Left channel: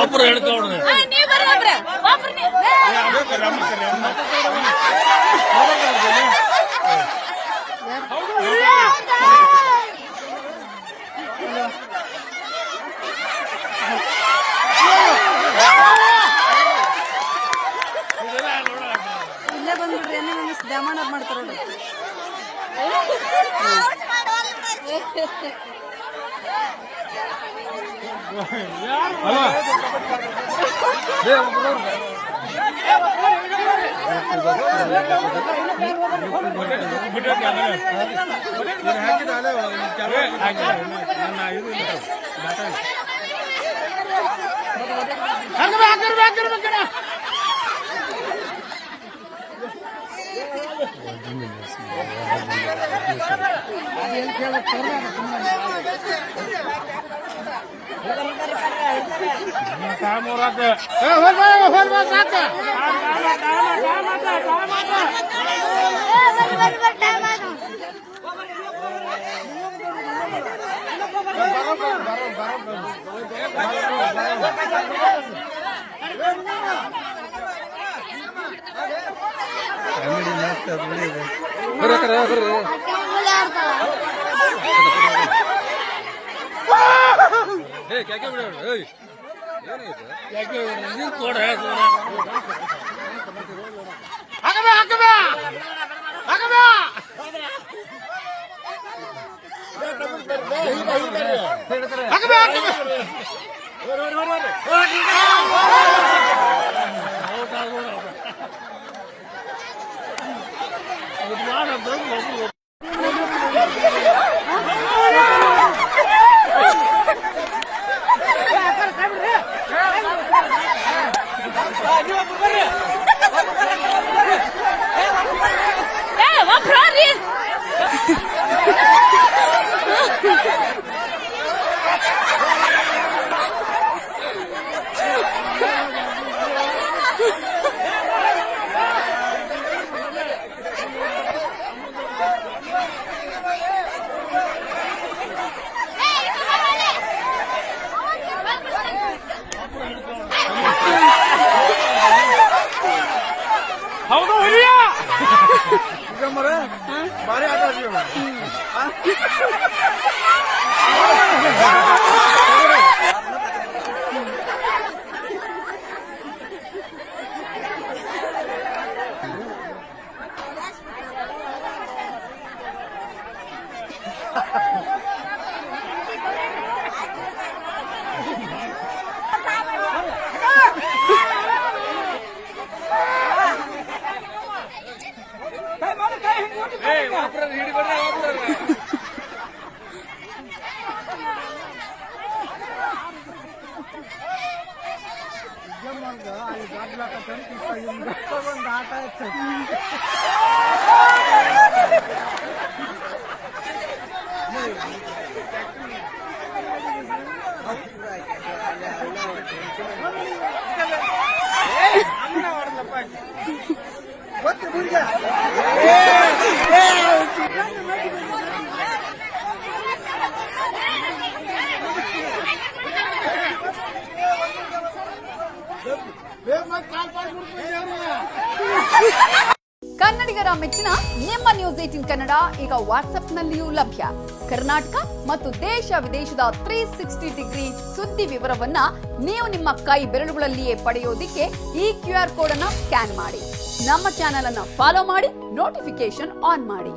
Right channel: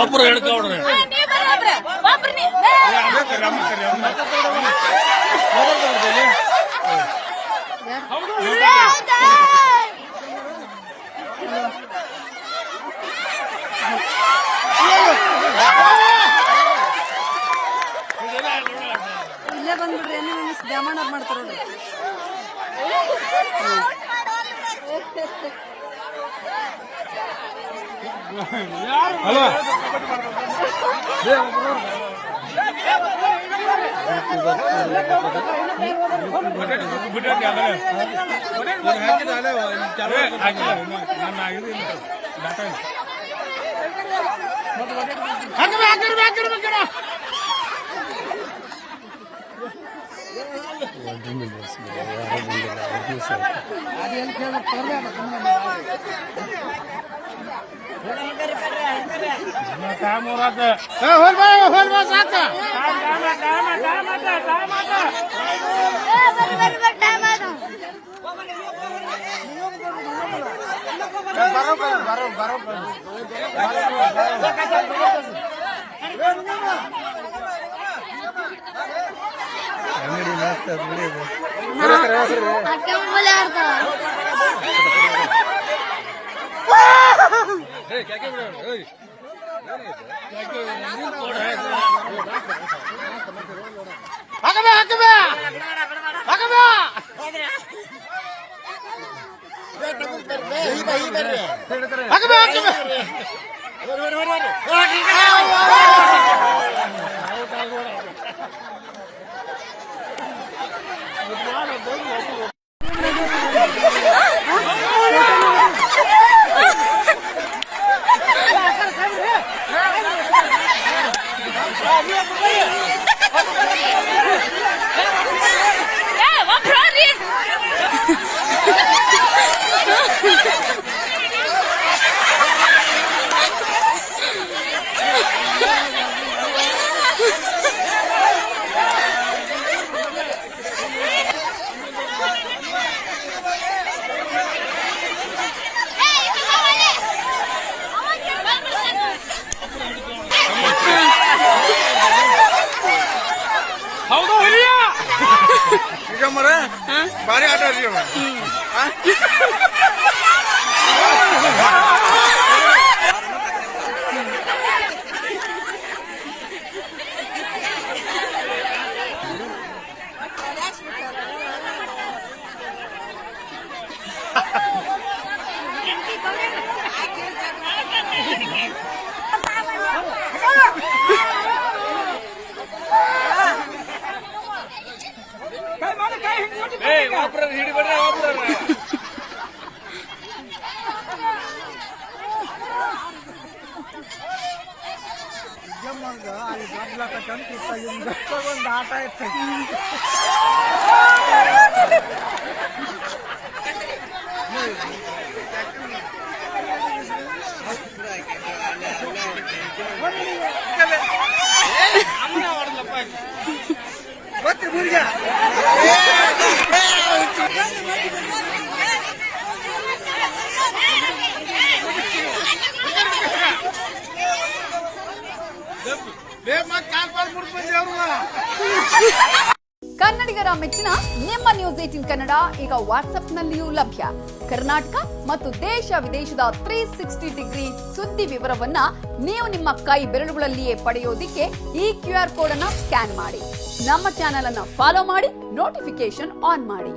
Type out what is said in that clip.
ಒಬ್ಬರು ಹೇಳ್ಕೊಂಡ್ರೆ ಇಲ್ಲೇ ಬಂದ್ಬಿಡ್ರಿ ಎಣ್ಣೆ ಮಿಸ್ ದ್ಯಾಮಣ್ಣ ಮಾಡ್ತಾರ ನೋಡ್ರಿ. ಹಲೋ ಭಾರಿ ಆಟ ಕನ್ನಡಿಗರ ಮೆಚ್ಚಿನ ನಿಮ್ಮ ನ್ಯೂಸ್ 18 ಕನ್ನಡ ಈಗ ವಾಟ್ಸ್ಆಪ್ನಲ್ಲಿಯೂ ಲಭ್ಯ. ಕರ್ನಾಟಕ ಮತ್ತು ದೇಶ ವಿದೇಶದ 360 ಡಿಗ್ರಿ ಸುದ್ದಿ ವಿವರವನ್ನ ನೀವು ನಿಮ್ಮ ಕೈ ಬೆರಳುಗಳಲ್ಲಿಯೇ ಪಡೆಯೋದಿಕ್ಕೆ ಈ QR ಕೋಡ್ ಅನ್ನು ಸ್ಕ್ಯಾನ್ ಮಾಡಿ. ನಮ್ಮ ಚಾನೆಲ್ ಅನ್ನು ಫಾಲೋ ಮಾಡಿ, ನೋಟಿಫಿಕೇಶನ್ ಆನ್ ಮಾಡಿ.